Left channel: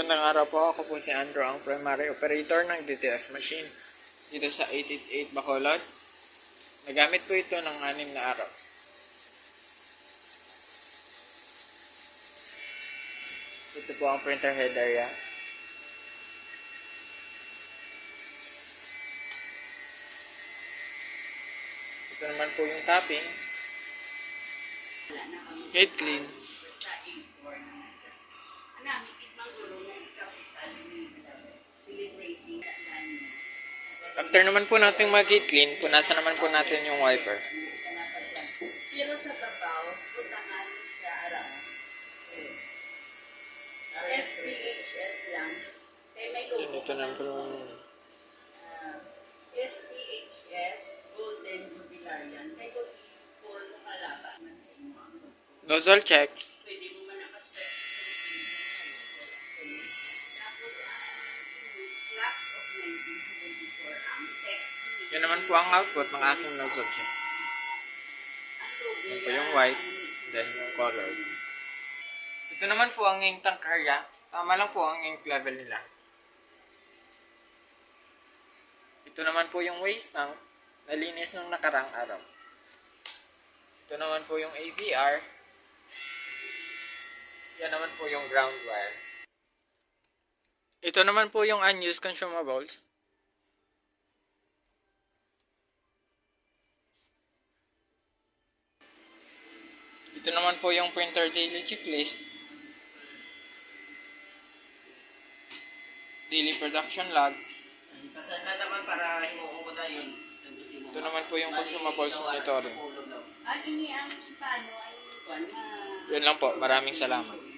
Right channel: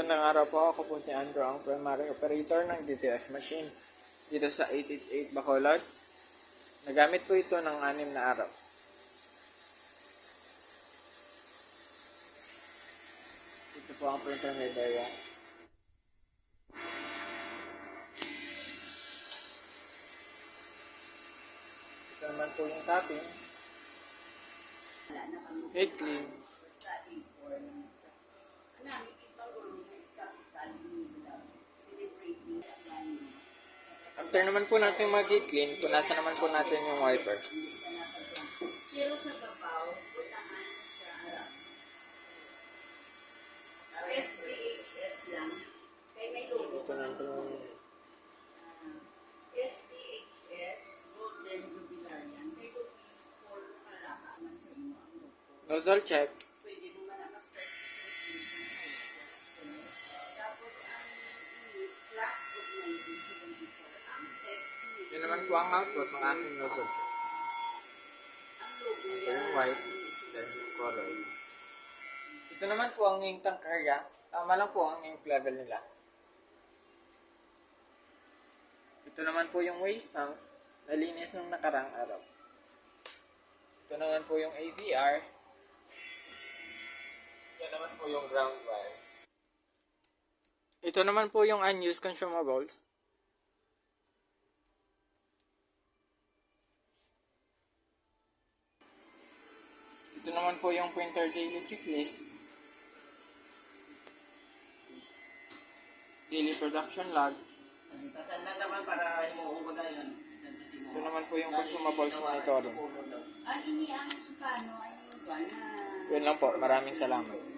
Magandang araw po. Ako po si Andrew, ang primary operator ng DTF machine dito sa 888 Bacolod. Nagamit po ito ng 6 na araw. Ito po ang printer head area. Ito naman po yung tapping. Head clean. After naman po natin mag-heat clean, punasan naman po natin yung wiper. Pero sa babaw, putahan sa araw. SPHS lang. Kaya may logo. Ito naman po yung SPHS Golden Jubilar yan. Kaya kung i-call mo kalaba man sa inyo ang logo. nozzle check. Pwede mo man nakasearch sa internet. Tapos ang class of 1974 ang text. Yan naman po ang output ng aking nozzle check. Ang logo Yan po yung white, then yung color. Ito naman po ang ink tank area. Tama lang po ang ink level nila. Ito naman po yung waste tank. Nalinis nung nakarang araw. Ito naman po yung AVR. Yan naman po yung ground wire. Ito naman po yung unused consumables. Ito naman po yung printer daily checklist. Daily production log. Kasan na naman para himuungo na yun. Ito naman po yung consumables monitoring. Ini ang paano, ang buwan na Yun lang po. Maraming salamat.